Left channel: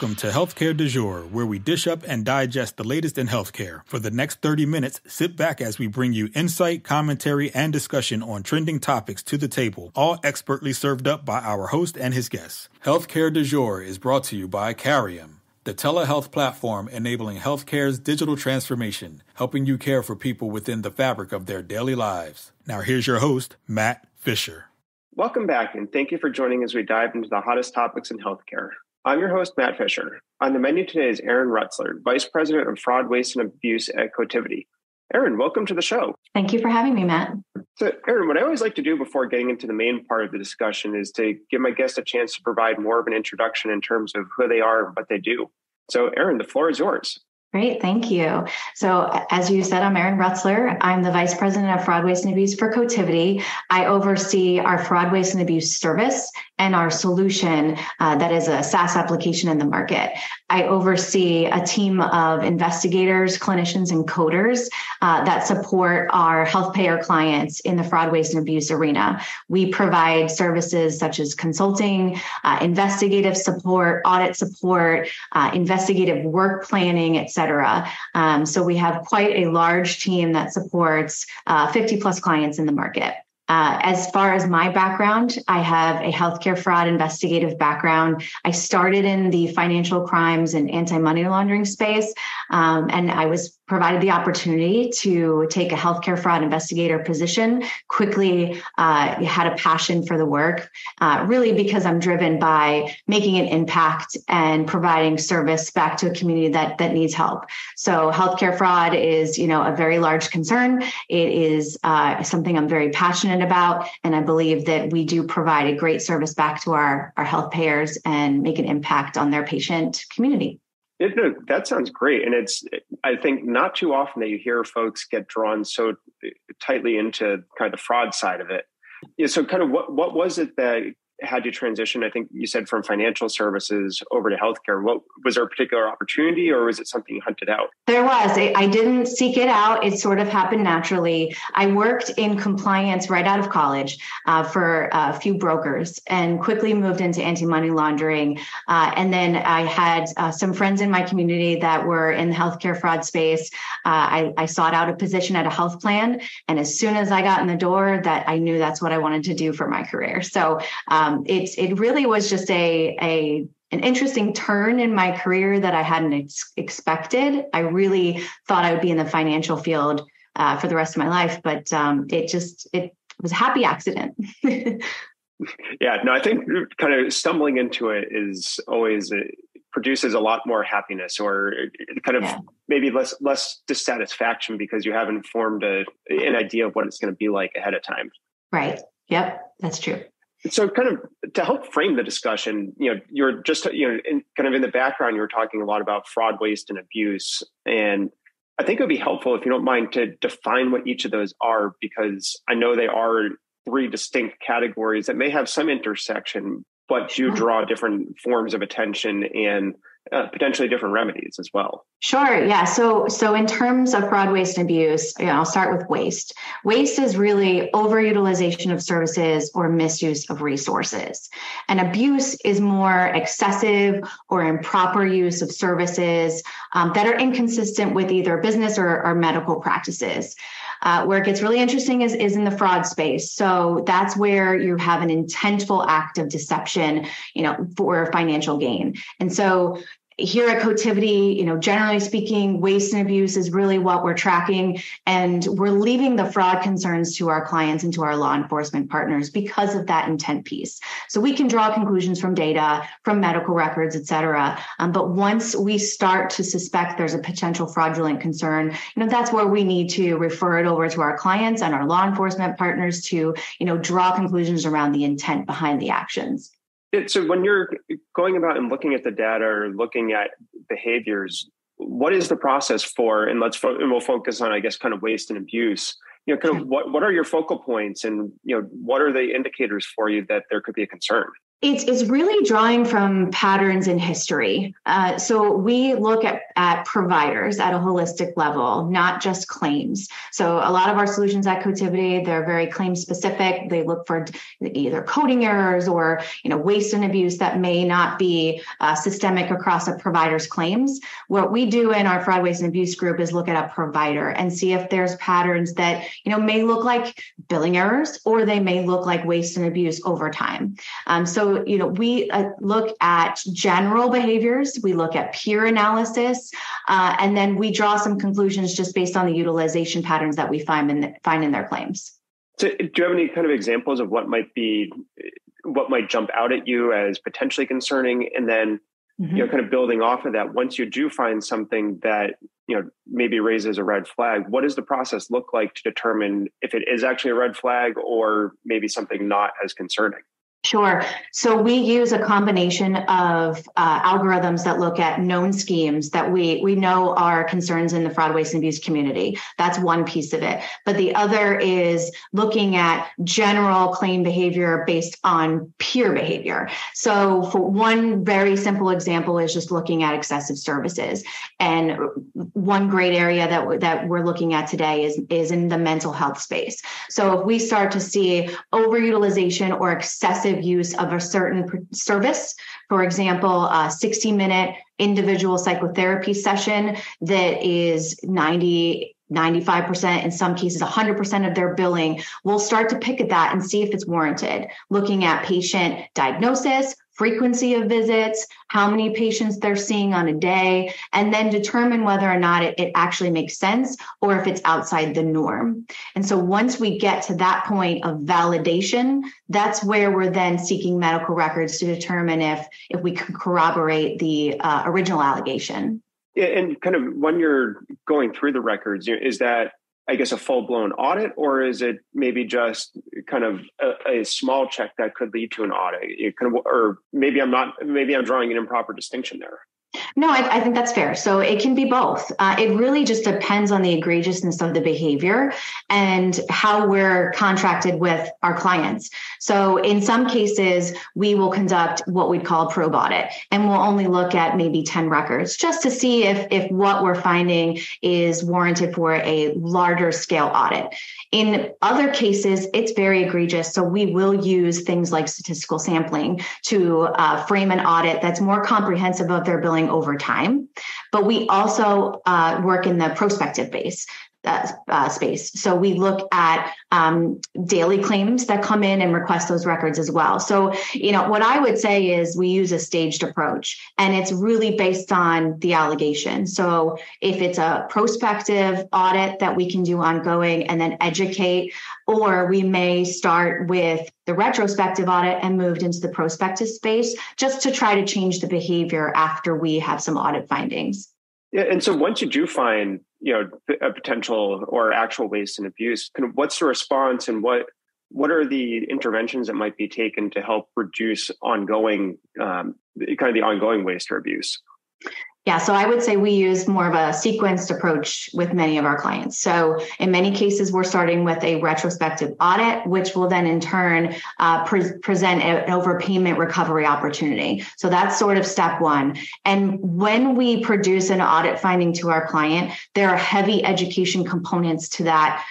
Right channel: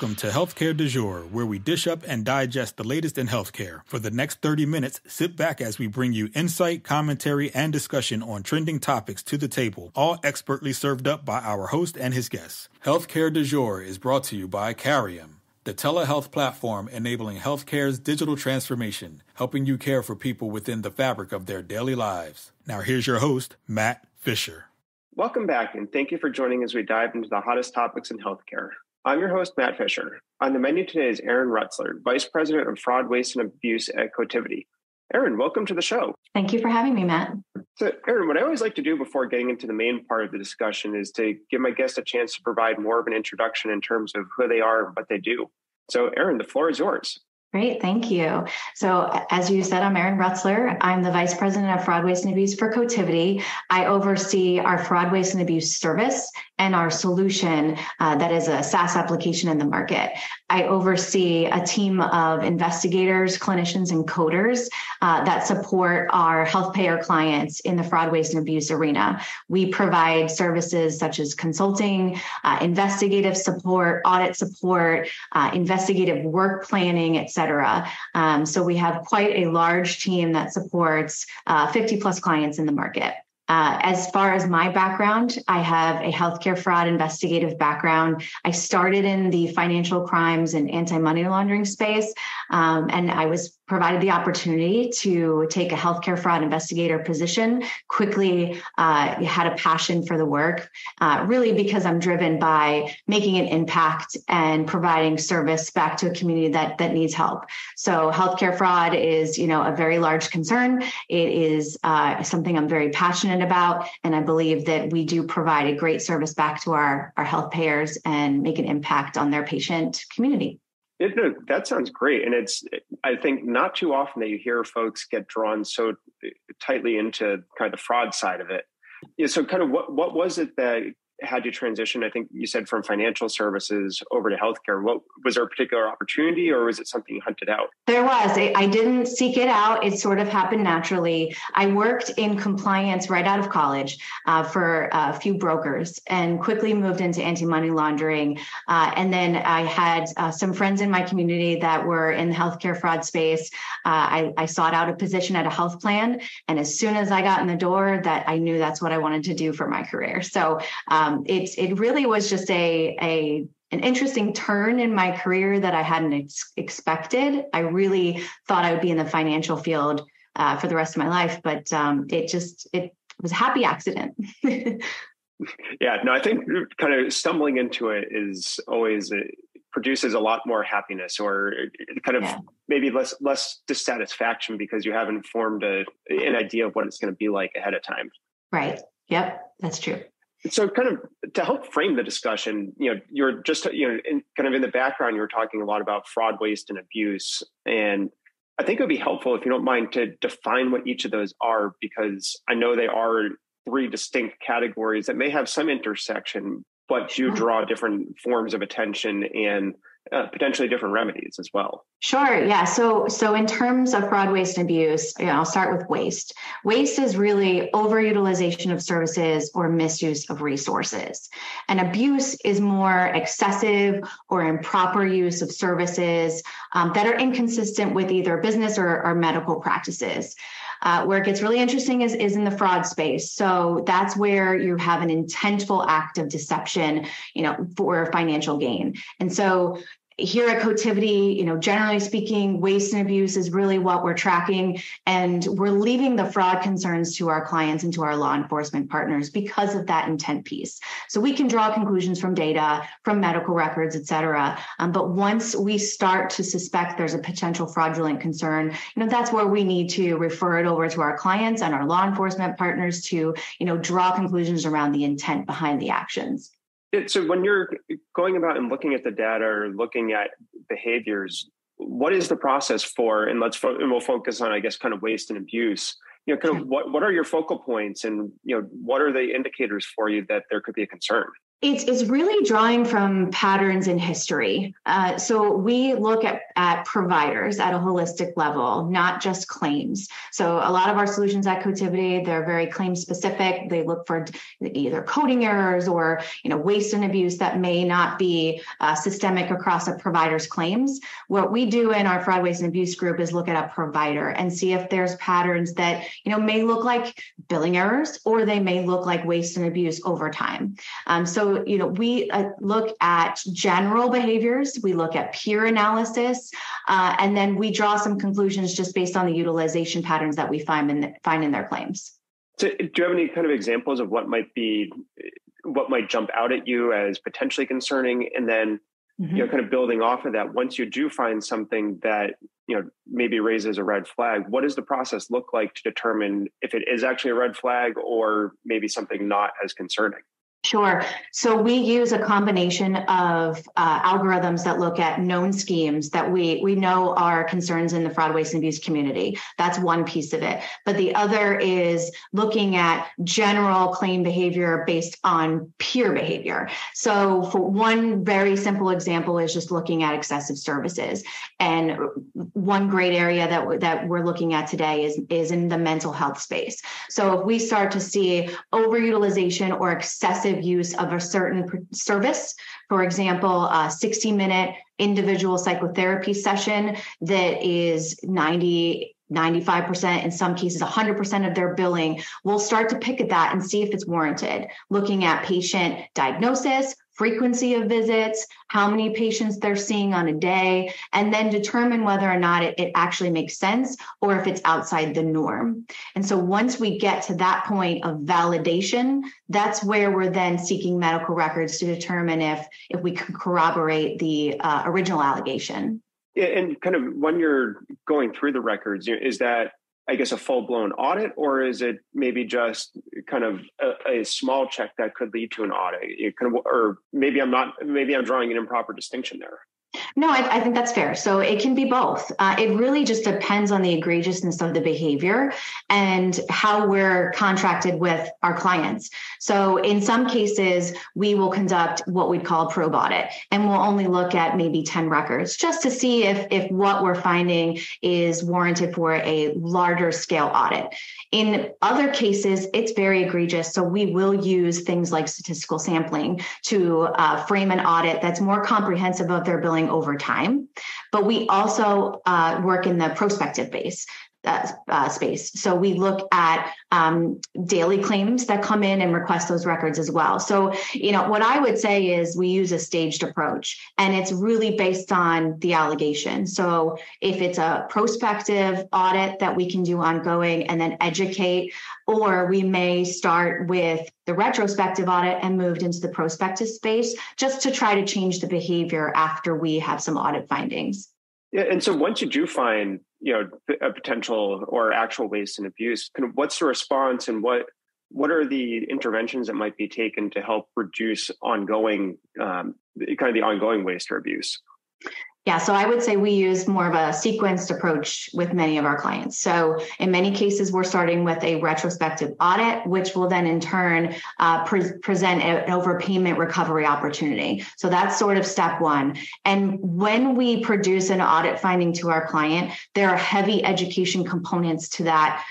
Welcome to Healthcare du Jour, where we dish up and digest the latest in healthcare. For the next 30 minutes, sit back as we bring you insight, commentary, and discussion on trending topics to the table, all expertly served up by our host and his guests. Healthcare du Jour is brought to you by Carium, the telehealth platform enabling healthcare's digital transformation, helping you care for people within the fabric of their daily lives. Now here's your host, Matt Fisher. Welcome back, and thank you for joining as we dive into the hottest topics in healthcare. I'm your host, Matt Fisher. On the menu today is Erin Rutzler, Vice President of Fraud, Waste, and Abuse at Cotiviti. Erin, welcome to the show. Thank you for having me, Matt. So, Erin, what I always like to do before getting into the main part of the discussion is to give my guests a chance to provide more of an introduction in terms of who they are and what they do. So, Erin, the floor is yours. Great. Thank you. So as you said, I'm Erin Rutzler. I'm the Vice President of Fraud, Waste, and Abuse for Cotiviti. I oversee our fraud, waste, and abuse service and our solution that is a SaaS application in the market. I oversee a team of investigators, clinicians, and coders that support our health payer clients in the fraud, waste, and abuse arena. We provide services such as consulting, investigative support, audit support, investigative work planning, etc. So we have quite a large team that supports 50 plus clients in the market. As far as my background, I have a healthcare fraud investigative background. I started in the financial crimes and anti-money laundering space, and I was provided the opportunity to take a healthcare fraud investigator position. Quickly had a passion for the work, really because I'm driven by making an impact and providing service back to a community that needs help. So healthcare fraud is, a very large concern. It is something I'm very passionate about, and I believe that we do provide a great service back to our health payers and make an impact on their patient community. That sounds great. And I think not too often that you hear folks get drawn so tightly into kind of the fraud side of it. Yeah, so kind of what was it that had you transition? I think you said from financial services over to healthcare. What was there a particular opportunity, or was it something you hunted out? There was. I didn't seek it out. It sort of happened naturally. I worked in compliance right out of college for a few brokers and quickly moved into anti-money laundering. And then I had some friends in my community that were in the healthcare fraud space. I sought out a position at a health plan. And as soon as I got in the door, that I knew that's what I wanted to do for my career. So it really was just an interesting turn in my career that I hadn't expected. I really thought I would be in the financial field for the rest of my life, but it was a happy accident. Yeah, no, I think kind of stumbling into it is always produces a lot more happiness, or kind of maybe less dissatisfaction because you haven't formed an idea of what it's going to be like ahead of time. Right. Yep, that's true. So kind of to help frame the discussion, you're just, kind of in the background, you were talking a lot about fraud, waste, and abuse. And I think it would be helpful, if you don't mind, to define what each of those are, because I know they are three distinct categories that may have some intersection, but do draw different forms of attention and potentially different remedies as well. Sure. Yeah. So in terms of fraud, waste, and abuse, I'll start with waste. Waste is really overutilization of services or misuse of resources. And abuse is more excessive or improper use of services that are inconsistent with either business or medical practices. Where it gets really interesting is in the fraud space. So that's where you have an intentful act of deception, for financial gain. And so here at Cotiviti, generally speaking, waste and abuse is really what we're tracking, and we're leaving the fraud concerns to our clients and to our law enforcement partners because of that intent piece. So we can draw conclusions from data, from medical records, et cetera. But once we start to suspect there's a potential fraudulent concern, that's where we need to refer it over to our clients and our law enforcement partners to, draw conclusions around the intent behind the actions. So when you're going about and looking at the data or looking at behaviors, what is the process for, and we'll focus on, I guess, kind of waste and abuse, kind of what are your focal points, and, what are the indicators for you that there could be a concern? It's really drawing from patterns in history. So we look at providers at a holistic level, not just claims. So a lot of our solutions at Cotiviti, they're very claim specific. They look for either coding errors or waste and abuse that may not be systemic across a provider's claims. What we do in our fraud, waste, and abuse group is look at a provider and see if there's patterns that may look like billing errors, or they may look like waste and abuse over time. So we look at general behaviors, we look at peer analysis, and then we draw some conclusions just based on the utilization patterns that we find in their claims. So do you have any kind of examples of what might jump out at you as potentially concerning? And then, kind of building off of that, once you do find something that, maybe raises a red flag, what does the process look like to determine if it is actually a red flag or maybe something not as concerning? Sure. So we use a combination of algorithms that look at known schemes that we know are concerns in the fraud, waste, and abuse community. That's one piece of it. But the other is looking at general claim behavior based on peer behavior. So for one very simple example is just looking at excessive services. And one great area that we're looking at today is in the mental health space. So if we start to see overutilization or excessive use of a certain service, for example, a 60-minute individual psychotherapy session that is 95%, in some cases 100% of their billing, we'll start to pick at that and see if it's warranted. Looking at patient diagnosis, frequency of visits, how many patients they're seeing on a day, and then determine whether or not it actually makes sense or if it's outside the norm. And so once we get to that point of validation, that's where we're then seeking medical records to determine if we can corroborate the original allegation. Yeah, and kind of when you're going through the records, is that, I guess, a full-blown audit, or is it maybe just kind of a small check that could lead to an audit? Or maybe I'm drawing an improper distinction there. No, I think that's fair. So it can be both. It really just depends on the egregiousness of the behavior and how we're contracted with our clients. So in some cases, we will conduct what we call a probe audit, and we'll only look at maybe 10 records just to see if what we're finding is warranted for a larger scale audit. In other cases, it's very egregious. So we will use things like statistical sampling to frame an audit that's more comprehensive of their billing over time. But we also work in the prospective space. So we look at daily claims that come in and request those records as well. So, what I would say is we use a staged approach, and it's really based on the allegation. So if it's a prospective audit that we can do ongoing and then educate, or we may start with the retrospective audit and moved into the prospective space just to try to change the behavior after we have some audit findings. Yeah, and so once you do find, a potential or actual waste and abuse, kind of what's the response, and what are the interventions that might be taken to help reduce ongoing, the ongoing waste or abuse? Yeah, so I would say we use more of a sequenced approach with many of our clients. So in many cases, we're starting with a retrospective audit, which will then in turn present an overpayment recovery opportunity. So that's sort of step one. And when we produce an audit finding to our client, there are heavy education components to that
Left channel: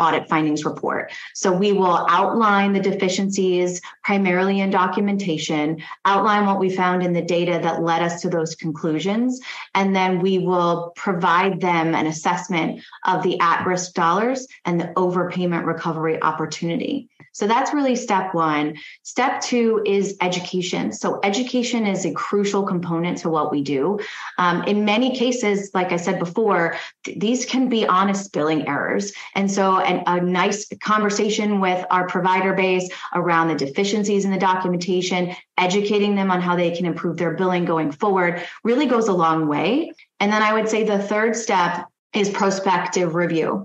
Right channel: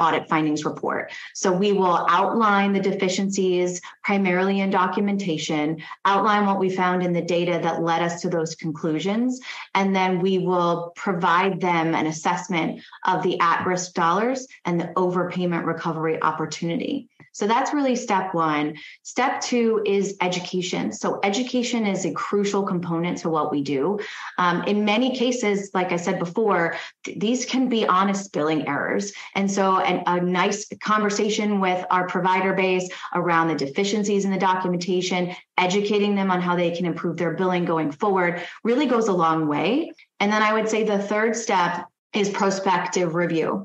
audit findings report. So we will outline the deficiencies primarily in documentation, outline what we found in the data that led us to those conclusions, and then we will provide them an assessment of the at-risk dollars and the overpayment recovery opportunity. So that's really step one. Step two is education. So education is a crucial component to what we do. In many cases, like I said before, these can be honest billing errors. And so a nice conversation with our provider base around the deficiencies in the documentation, educating them on how they can improve their billing going forward really goes a long way. And then I would say the third step is prospective review.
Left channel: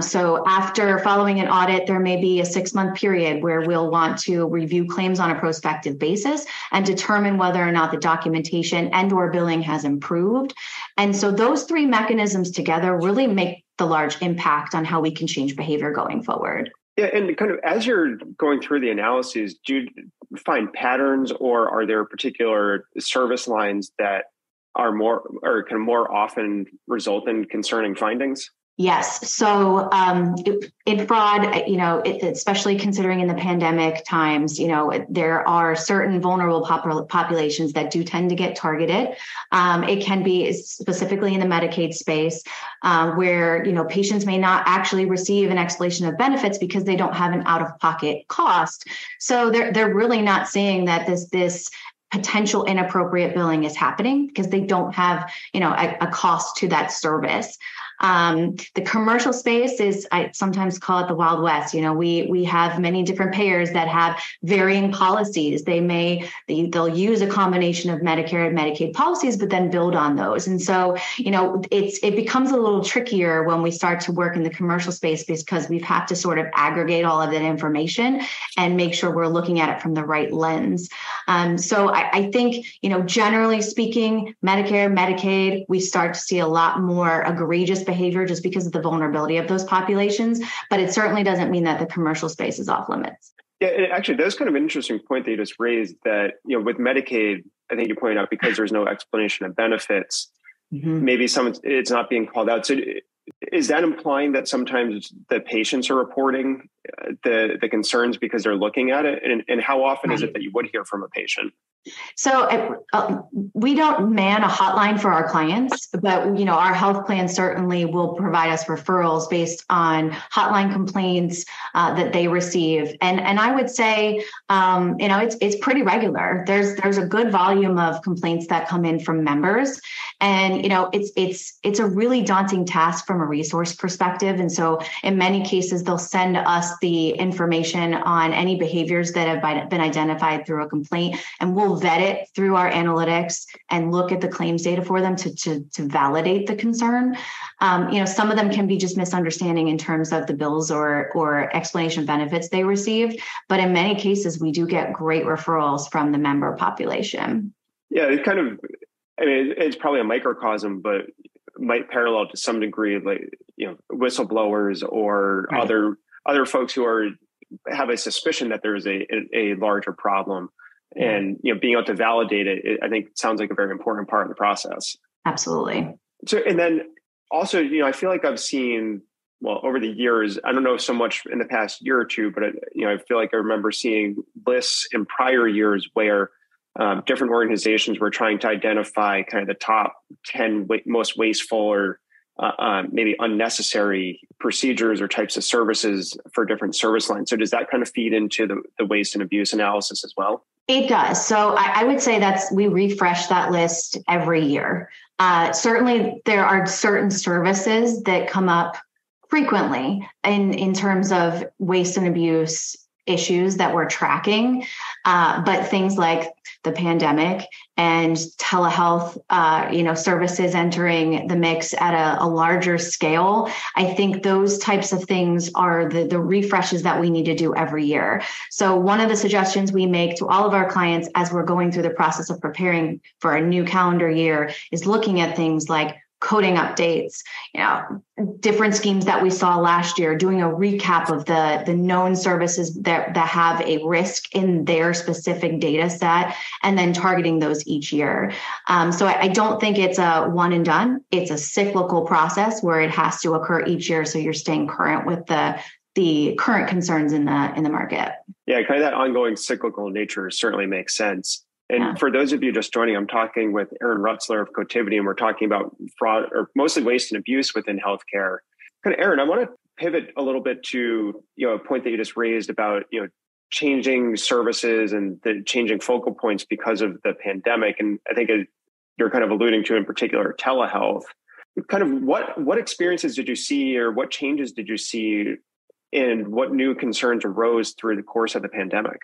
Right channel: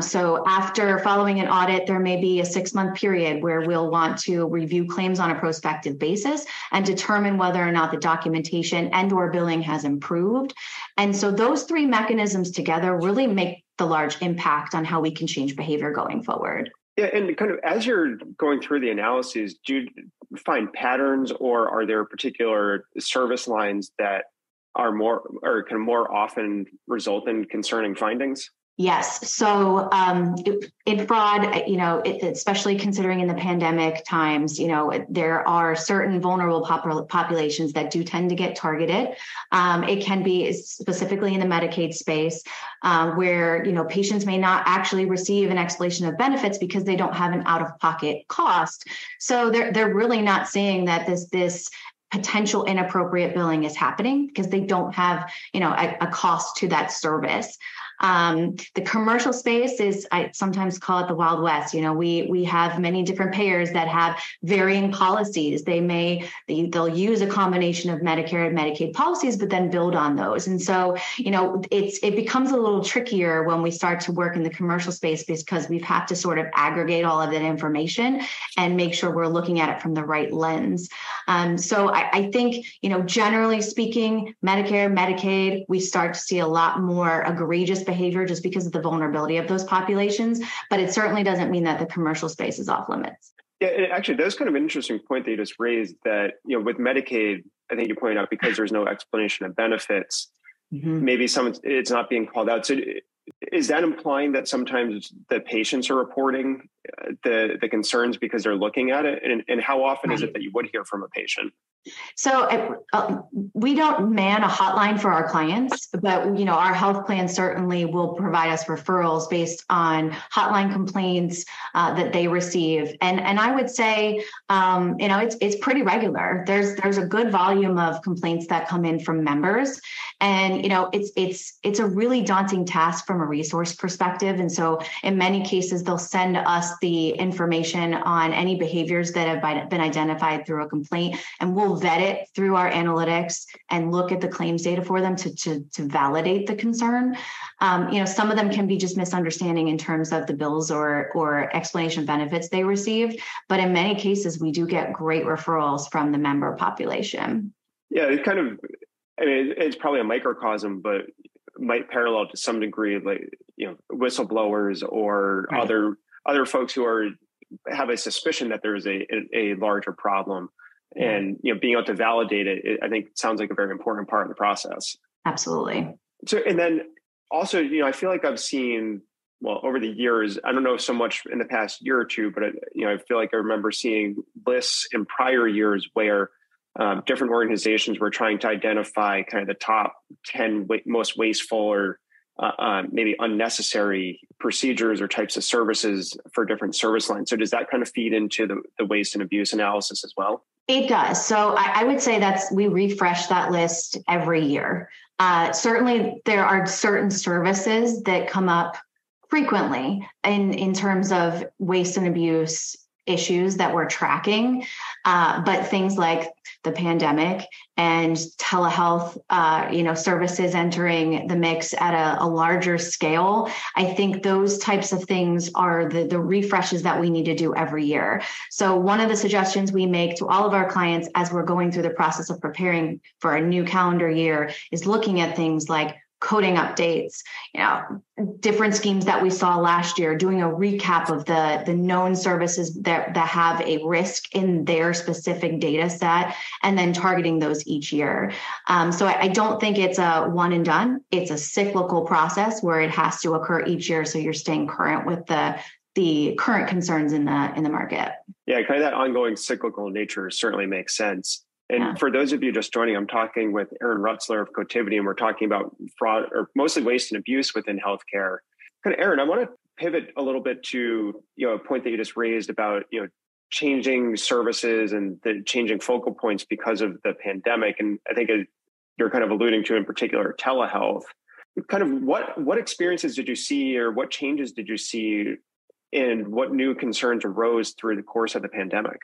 So after following an audit, there may be a 6-month period where we'll want to review claims on a prospective basis and determine whether or not the documentation and or billing has improved. And so those three mechanisms together really make the large impact on how we can change behavior going forward. Yeah, and kind of as you're going through the analyses, do you find patterns, or are there particular service lines that are more or can more often result in concerning findings? Yes. So in fraud, especially considering in the pandemic times, there are certain vulnerable populations that do tend to get targeted. It can be specifically in the Medicaid space where, patients may not actually receive an explanation of benefits because they don't have an out-of-pocket cost. So they're really not seeing that this potential inappropriate billing is happening because they don't have, a cost to that service. The commercial space is, I sometimes call it the Wild West. We have many different payers that have varying policies. They'll use a combination of Medicare and Medicaid policies, but then build on those. And so, it becomes a little trickier when we start to work in the commercial space because we've had to sort of aggregate all of that information and make sure we're looking at it from the right lens. So I think, generally speaking, Medicare, Medicaid, we start to see a lot more egregious behavior just because of the vulnerability of those populations. But it certainly doesn't mean that the commercial space is off limits. Yeah, actually, that's kind of an interesting point that you just raised that, with Medicaid, I think you pointed out because there's no explanation of benefits, maybe it's not being called out. So is that implying that sometimes the patients are reporting the concerns because they're looking at it? And how often is it that you would hear from a patient? So we don't man a hotline for our clients, but our health plan certainly will provide us referrals based on hotline complaints that they receive. And I would say, it's pretty regular. There's a good volume of complaints that come in from members, and it's a really daunting task from a resource perspective. And so in many cases, they'll send us the information on any behaviors that have been identified through a complaint, and we'll vet it through our analytics and look at the claims data for them to validate the concern. Some of them can be just misunderstanding in terms of the bills or explanation of benefits they received. But in many cases, we do get great referrals from the member population. Yeah, it's probably a microcosm, but might parallel to some degree, like, whistleblowers or right. other folks who have a suspicion that there is a larger problem. And, being able to validate it, I think sounds like a very important part of the process. Absolutely. So, and then also, I feel like I've seen, over the years, I don't know so much in the past year or two, but, I feel like I remember seeing lists in prior years where different organizations were trying to identify kind of the top 10 most wasteful or maybe unnecessary procedures or types of services for different service lines. So does that kind of feed into the waste and abuse analysis as well? It does. So I would say we refresh that list every year. Certainly, there are certain services that come up frequently in terms of waste and abuse issues that we're tracking. But things like the pandemic and telehealth, services entering the mix at a larger scale, I think those types of things are the refreshes that we need to do every year. So one of the suggestions we make to all of our clients as we're going through the process of preparing for a new calendar year is looking at things like coding updates, different schemes that we saw last year, doing a recap of the known services that have a risk in their specific data set, and then targeting those each year. So I don't think it's a one and done. It's a cyclical process where it has to occur each year. So you're staying current with the current concerns in the market. Yeah, kind of that ongoing cyclical nature certainly makes sense. And for those of you just joining, I'm talking with Erin Rutzler of Cotiviti, and we're talking about fraud, or mostly waste and abuse within healthcare. Kind of, Erin, I want to pivot a little bit to a point that you just raised about changing services and the changing focal points because of the pandemic. And I think you're kind of alluding to in particular telehealth. Kind of what experiences did you see, or what changes did you see, and what new concerns arose through the course of the pandemic?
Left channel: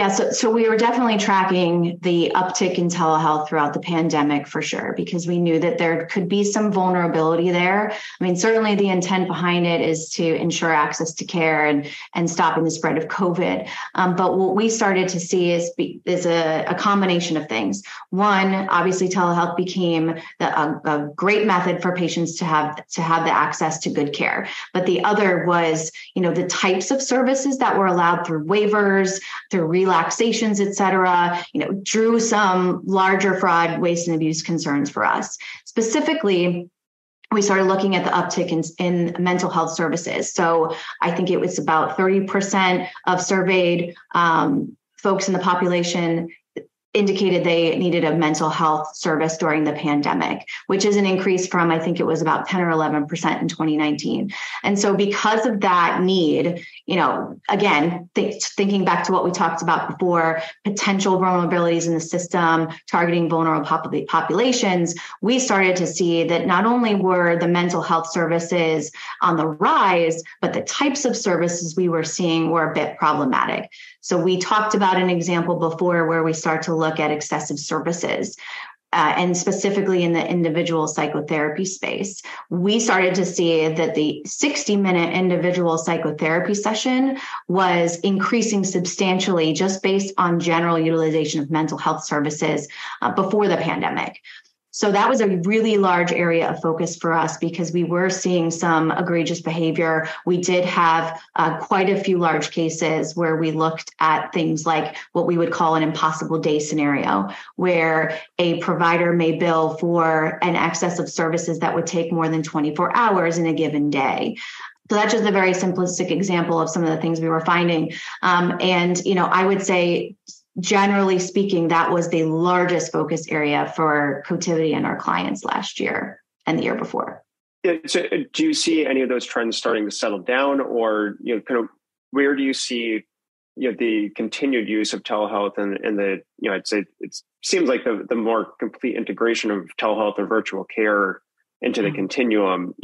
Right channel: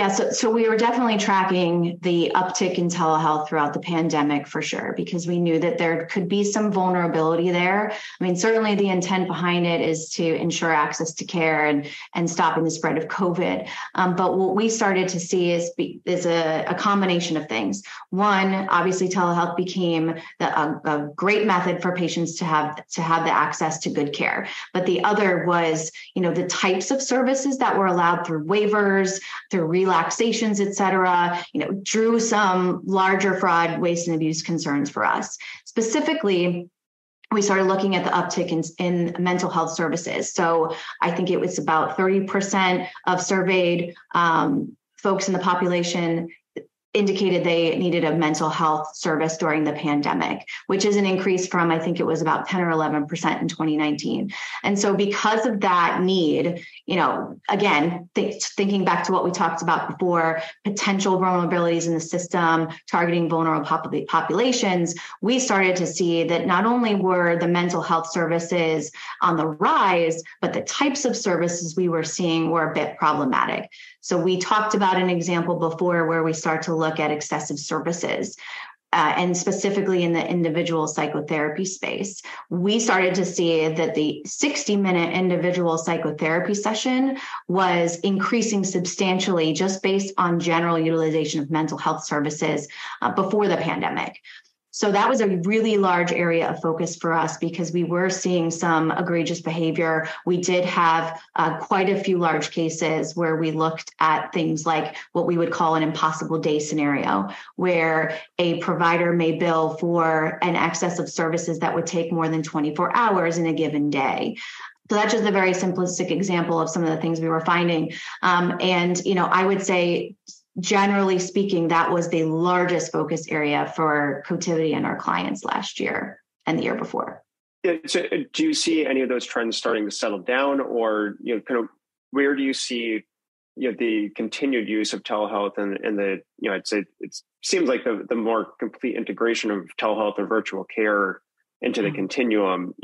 Yeah, so we were definitely tracking the uptick in telehealth throughout the pandemic for sure, because we knew that there could be some vulnerability there. I mean, certainly the intent behind it is to ensure access to care and stopping the spread of COVID. But what we started to see is a combination of things. One, obviously telehealth became a great method for patients to have the access to good care. But the other was, the types of services that were allowed through waivers, through relaxations, et cetera, drew some larger fraud, waste, and abuse concerns for us. Specifically, we started looking at the uptick in mental health services. So I think it was about 30% of surveyed folks in the population indicated they needed a mental health service during the pandemic, which is an increase from, I think it was about 10 or 11% in 2019. And so because of that need, again, thinking back to what we talked about before, potential vulnerabilities in the system, targeting vulnerable populations, we started to see that not only were the mental health services on the rise, but the types of services we were seeing were a bit problematic. So we talked about an example before where we start to look at excessive services. And specifically in the individual psychotherapy space, we started to see that the 60-minute individual psychotherapy session was increasing substantially just based on general utilization of mental health services before the pandemic. So that was a really large area of focus for us because we were seeing some egregious behavior. We did have quite a few large cases where we looked at things like what we would call an impossible day scenario, where a provider may bill for an excess of services that would take more than 24 hours in a given day. So that's just a very simplistic example of some of the things we were finding. I would say, generally speaking, that was the largest focus area for Cotiviti and our clients last year and the year before. Yeah, so do you see any of those trends starting to settle down, or kind of where do you see the continued use of telehealth and the I'd say it seems like the more complete integration of telehealth or virtual care into the continuum?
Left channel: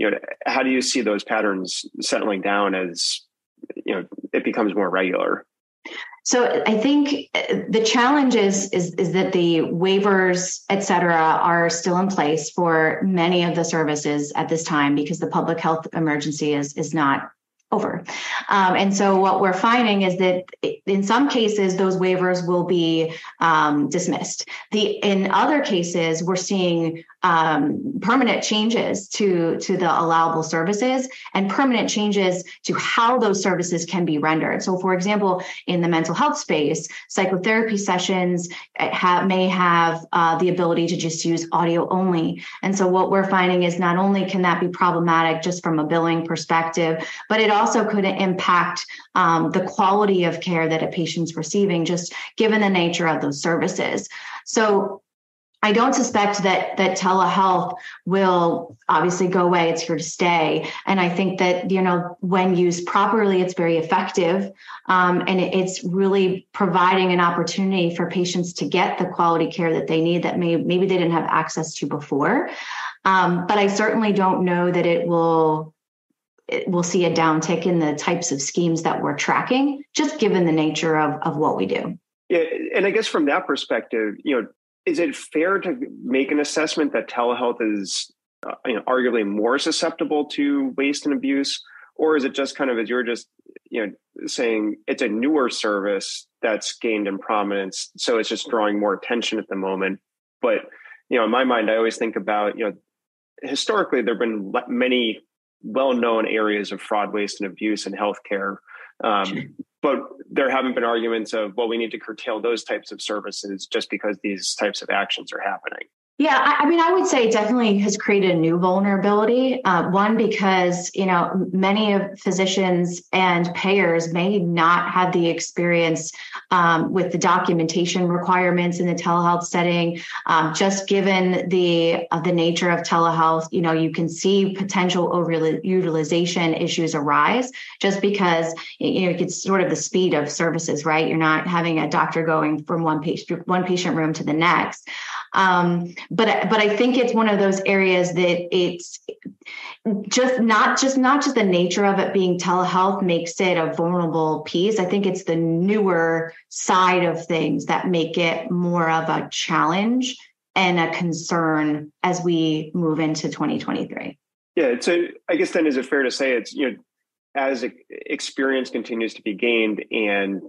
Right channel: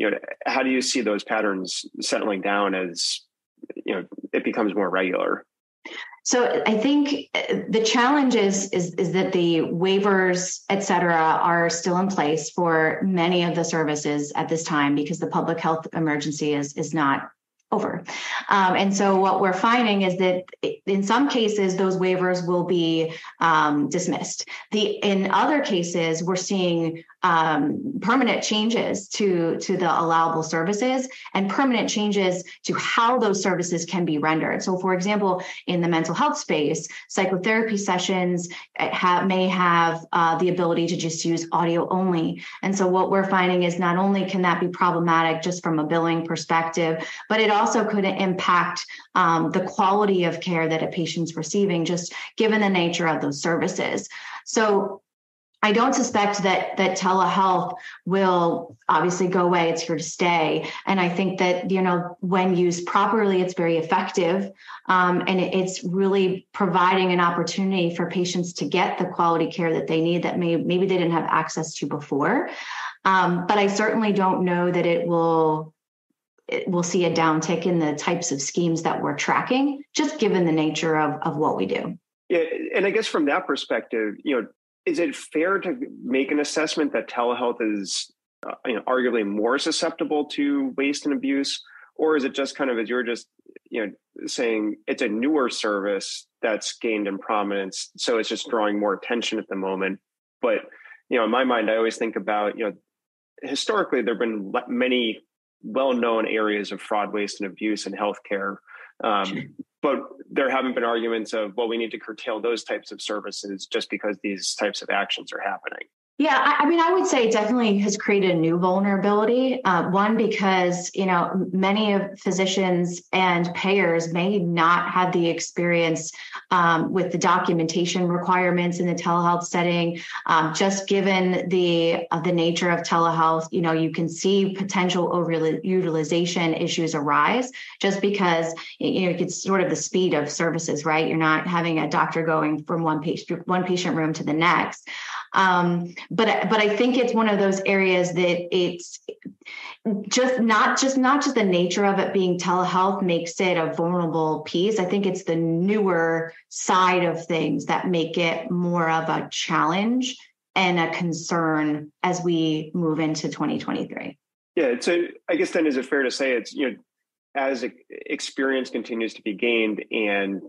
How do you see those patterns settling down as it becomes more regular? So I think the challenge is that the waivers, et cetera, are still in place for many of the services at this time because the public health emergency is not over. And so what we're finding is that in some cases, those waivers will be dismissed. In other cases, we're seeing permanent changes to the allowable services and permanent changes to how those services can be rendered. So, for example, in the mental health space, psychotherapy sessions may have the ability to just use audio only. And so what we're finding is not only can that be problematic just from a billing perspective, but it also could impact the quality of care that a patient's receiving, just given the nature of those services. So I don't suspect that telehealth will obviously go away. It's here to stay. And I think that, when used properly, it's very effective. And it's really providing an opportunity for patients to get the quality care that they need that maybe they didn't have access to before. But I certainly don't know that we'll see a downtick in the types of schemes that we're tracking, just given the nature of what we do. Yeah, and I guess from that perspective, is it fair to make an assessment that telehealth is arguably more susceptible to waste and abuse? Or is it just kind of, as you're just saying, it's a newer service that's gained in prominence, so it's just drawing more attention at the moment? But in my mind, I always think about historically there have been many well-known areas of fraud, waste, and abuse in healthcare. But there haven't been arguments of, well, we need to curtail those types of services just because these types of actions are happening. Yeah, I would say it definitely has created a new vulnerability. One, because, many of physicians and payers may not have the experience with the documentation requirements in the telehealth setting. Just given the nature of telehealth, you can see potential overutilization issues arise just because, it's sort of the speed of services, right? You're not having a doctor going from one patient room to the next. But I think it's one of those areas that not just the nature of it being telehealth makes it a vulnerable piece. I think it's the newer side of things that make it more of a challenge and a concern as we move into 2023. Yeah, so I guess then is it fair to say it's, as experience continues to be gained, and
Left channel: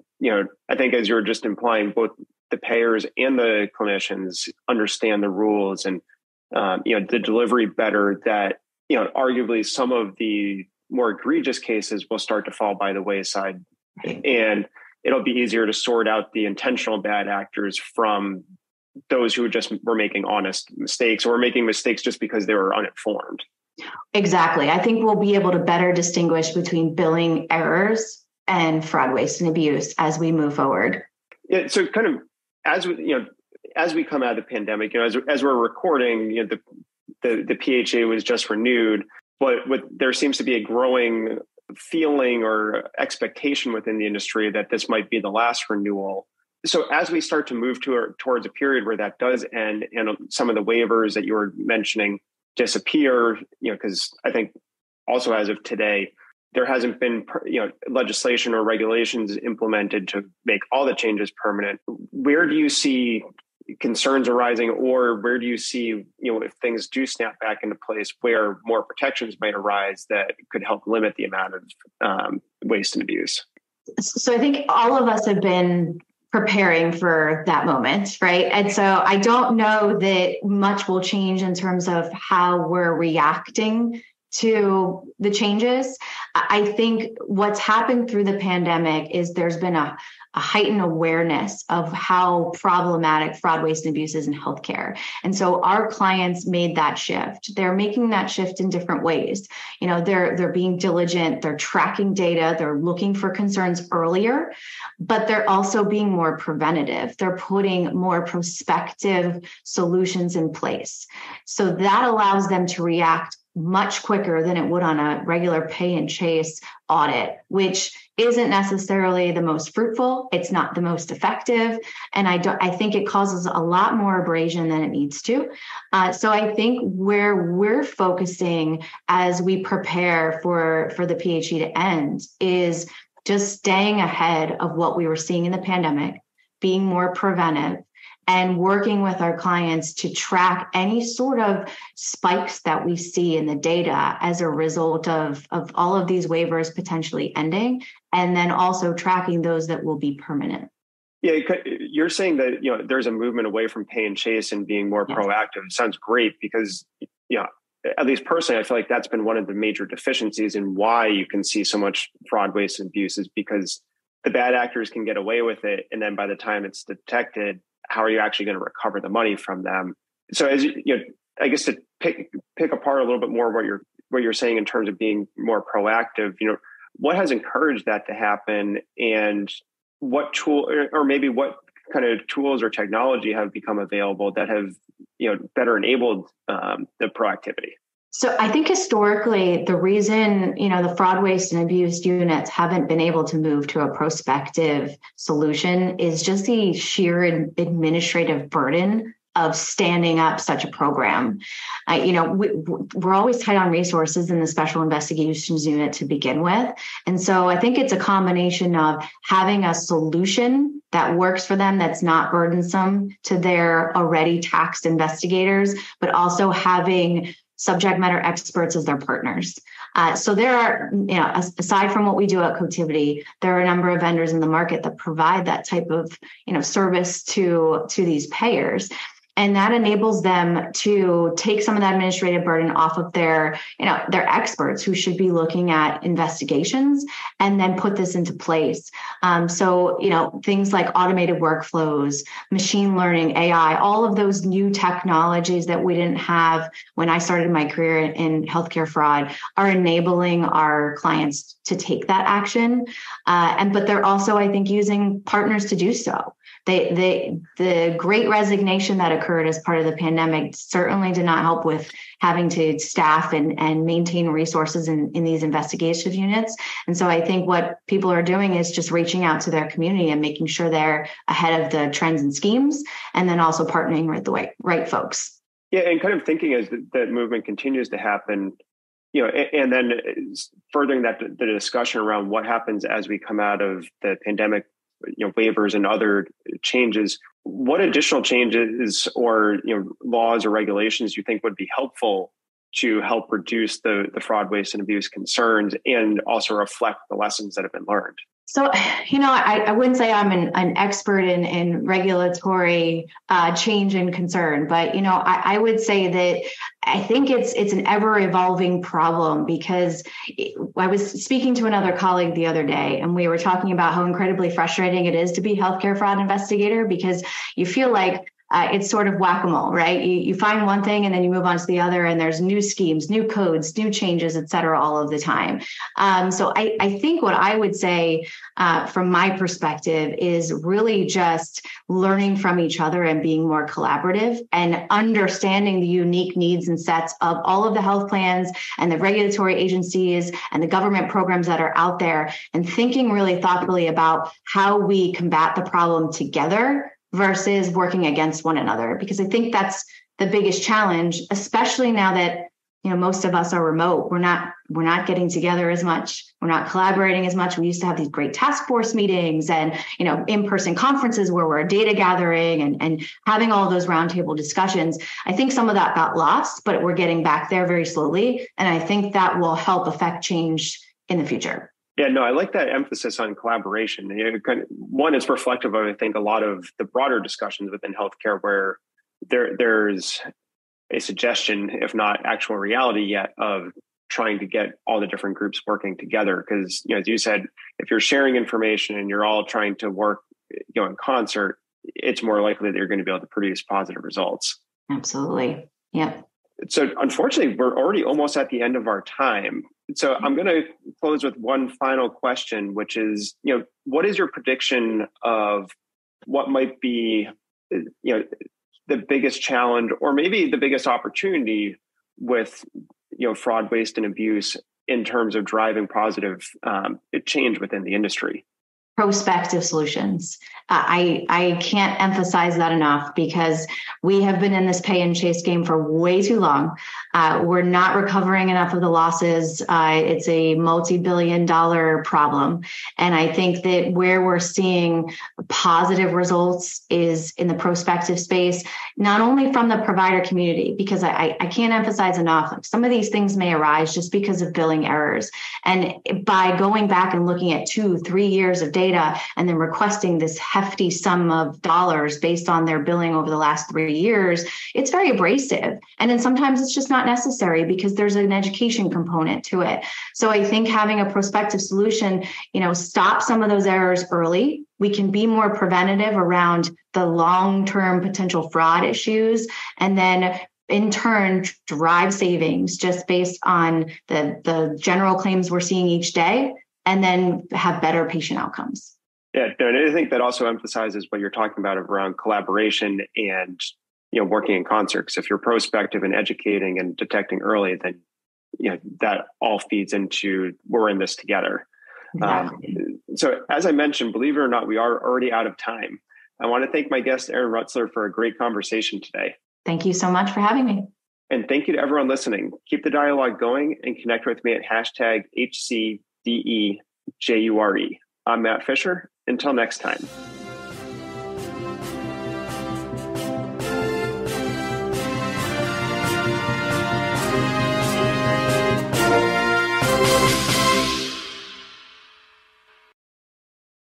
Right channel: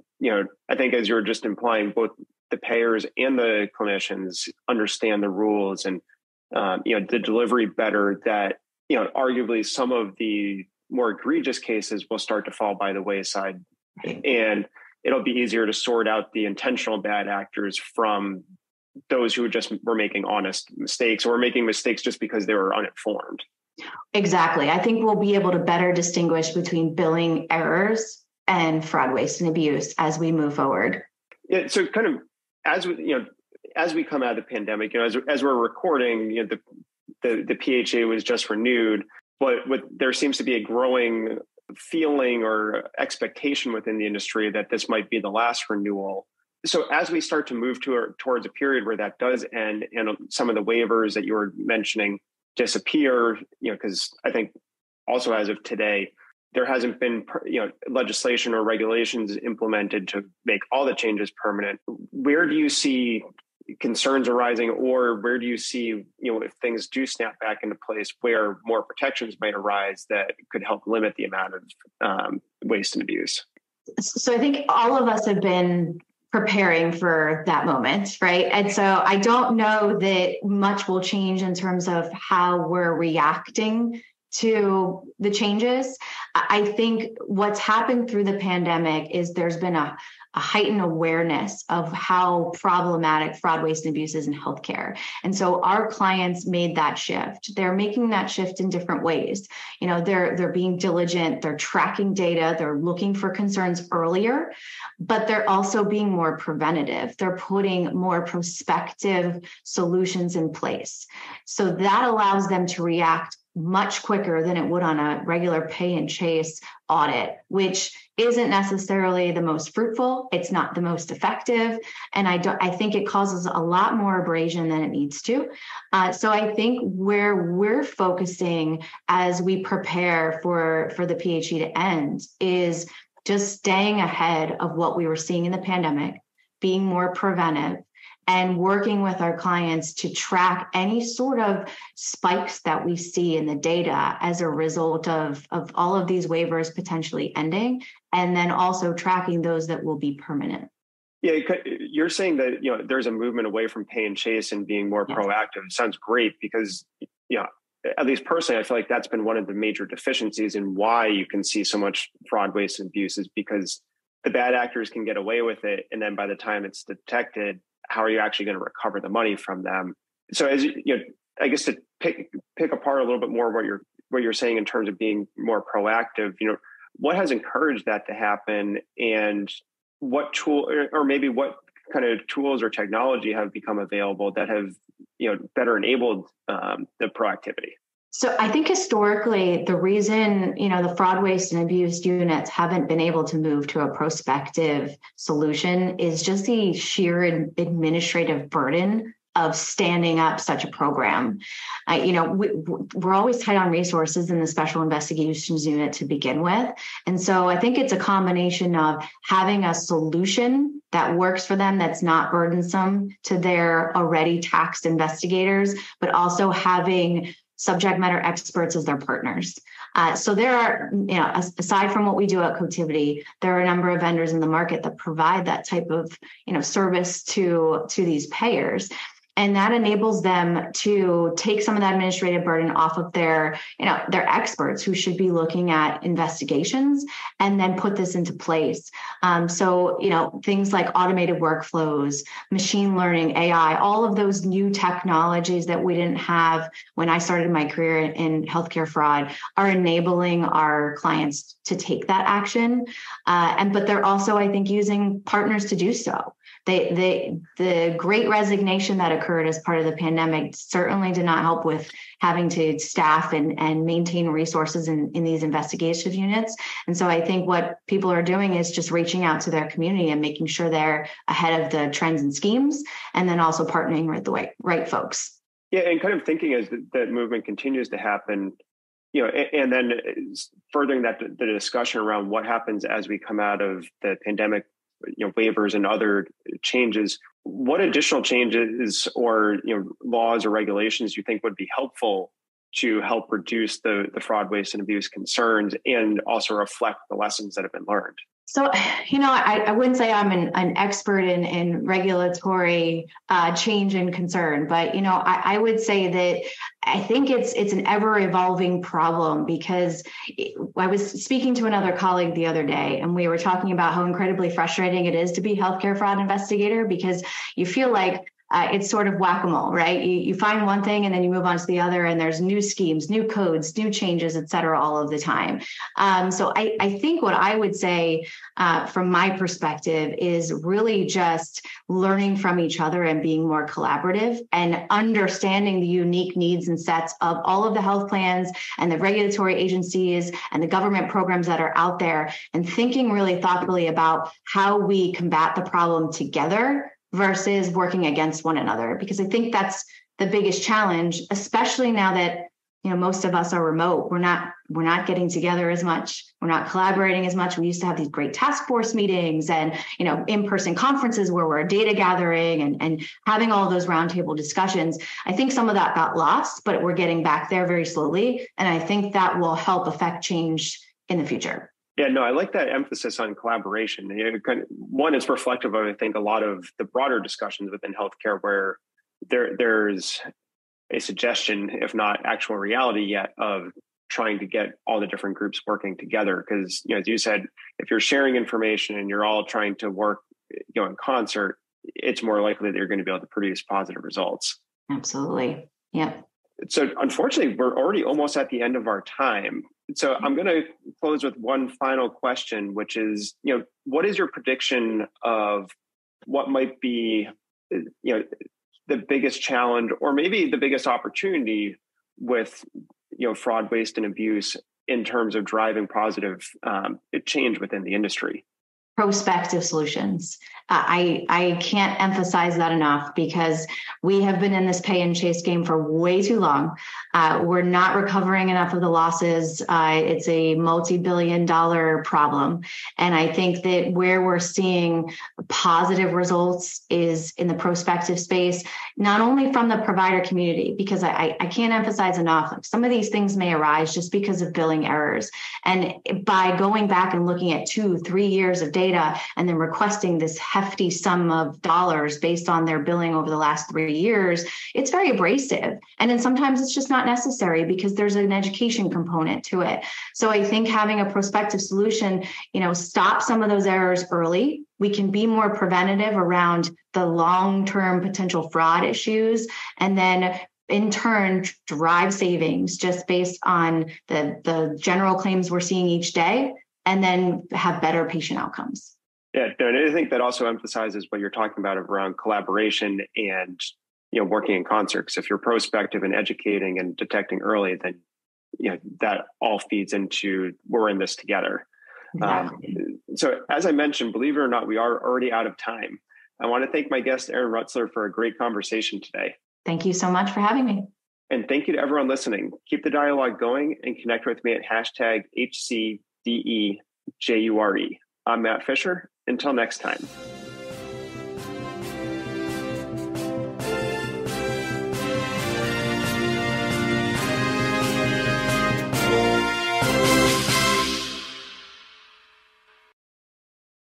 I think as you're just implying, both the payers and the clinicians understand the rules and the delivery better, that arguably some of the more egregious cases will start to fall by the wayside, and it'll be easier to sort out the intentional bad actors from those who just were making honest mistakes or making mistakes just because they were uninformed. Exactly. I think we'll be able to better distinguish between billing errors and fraud, waste, and abuse as we move forward. Yeah. So kind of as we come out of the pandemic, as we're recording, the PHA was just renewed, but there seems to be a growing feeling or expectation within the industry that this might be the last renewal. So as we start to move towards a period where that does end and some of the waivers that you were mentioning disappear, because I think also as of today, there hasn't been, legislation or regulations implemented to make all the changes permanent. Where do you see concerns arising, or where do you see, if things do snap back into place, where more protections might arise that could help limit the amount of waste and abuse? So I think all of us have been preparing for that moment, right? And so I don't know that much will change in terms of how we're reacting to the changes. I think what's happened through the pandemic is there's been a heightened awareness of how problematic fraud, waste, and abuse is in healthcare. And so our clients made that shift. They're making that shift in different ways. They're being diligent, they're tracking data, they're looking for concerns earlier, but they're also being more preventative. They're putting more prospective solutions in place. So that allows them to react much quicker than it would on a regular pay and chase audit, which isn't necessarily the most fruitful. It's not the most effective. And I think it causes a lot more abrasion than it needs to. So I think where we're focusing as we prepare for the PHE to end is just staying ahead of what we were seeing in the pandemic, being more preventive, and working with our clients to track any sort of spikes that we see in the data as a result of all of these waivers potentially ending, and then also tracking those that will be permanent. Yeah, you're saying that there's a movement away from pay and chase and being more proactive. It sounds great because at least personally, I feel like that's been one of the major deficiencies in why you can see so much fraud, waste, and abuse, is because the bad actors can get away with it, and then by the time it's detected, how are you actually going to recover the money from them? So as I guess to pick apart a little bit more what you're saying in terms of being more proactive, what has encouraged that to happen, and what tool or maybe what kind of tools or technology have become available that have better enabled the proactivity? So I think historically, the reason, the fraud, waste, and abuse units haven't been able to move to a prospective solution is just the sheer administrative burden of standing up such a program. We're always tight on resources in the Special Investigations Unit to begin with. And so I think it's a combination of having a solution that works for them, that's not burdensome to their already taxed investigators, but also having subject matter experts as their partners. So there are, aside from what we do at Cotiviti, there are a number of vendors in the market that provide that type of, service to these payers. And that enables them to take some of that administrative burden off of their experts who should be looking at investigations and then put this into place. So things like automated workflows, machine learning, AI, all of those new technologies that we didn't have when I started my career in healthcare fraud are enabling our clients to take that action. But they're also, I think, using partners to do so. The great resignation that occurred as part of the pandemic certainly did not help with having to staff and maintain resources in these investigative units. And so I think what people are doing is just reaching out to their community and making sure they're ahead of the trends and schemes, and then also partnering with the right folks. Yeah, and kind of thinking as that movement continues to happen, And then furthering that, the discussion around what happens as we come out of the pandemic, waivers and other changes, what additional changes or, laws or regulations you think would be helpful to help reduce the fraud, waste, and abuse concerns and also reflect the lessons that have been learned? So, I wouldn't say I'm an expert in regulatory change and concern, but, I would say that I think it's an ever evolving problem, because I was speaking to another colleague the other day, and we were talking about how incredibly frustrating it is to be a healthcare fraud investigator, because you feel like it's sort of whack-a-mole, right? You find one thing and then you move on to the other, and there's new schemes, new codes, new changes, et cetera, all of the time. So I think what I would say from my perspective is really just learning from each other and being more collaborative and understanding the unique needs and sets of all of the health plans and the regulatory agencies and the government programs that are out there, and thinking really thoughtfully about how we combat the problem together versus working against one another. Because I think that's the biggest challenge, especially now that, most of us are remote. We're not getting together as much. We're not collaborating as much. We used to have these great task force meetings and, in-person conferences where we're data gathering and having all those roundtable discussions. I think some of that got lost, but we're getting back there very slowly. And I think that will help affect change in the future. Yeah, no, I like that emphasis on collaboration. One is reflective of, I think, a lot of the broader discussions within healthcare where there's a suggestion, if not actual reality yet, of trying to get all the different groups working together. Because, as you said, if you're sharing information and you're all trying to work, in concert, it's more likely that you're going to be able to produce positive results. Absolutely. Yeah. So unfortunately, we're already almost at the end of our time. So I'm going to close with one final question, which is, what is your prediction of what might be, the biggest challenge or maybe the biggest opportunity with, fraud, waste, and abuse in terms of driving positive change within the industry? Prospective solutions. I can't emphasize that enough, because we have been in this pay and chase game for way too long. We're not recovering enough of the losses. It's a multi-billion-dollar problem. And I think that where we're seeing positive results is in the prospective space, not only from the provider community, because I can't emphasize enough, some of these things may arise just because of billing errors. And by going back and looking at 2-3 years of data and then requesting this hefty sum of dollars based on their billing over the last 3 years, it's very abrasive. And then sometimes it's just not necessary because there's an education component to it. So I think having a prospective solution, stop some of those errors early. We can be more preventative around the long-term potential fraud issues, and then in turn drive savings just based on the general claims we're seeing each day, and then have better patient outcomes. Yeah, and I think that also emphasizes what you're talking about around collaboration and, working in concert. Because if you're prospective and educating and detecting early, then, that all feeds into we're in this together. Exactly. So as I mentioned, believe it or not, we are already out of time. I want to thank my guest, Erin Rutzler, for a great conversation today. Thank you so much for having me. And thank you to everyone listening. Keep the dialogue going and connect with me at #HCDEJURE. I'm Matt Fisher. Until next time.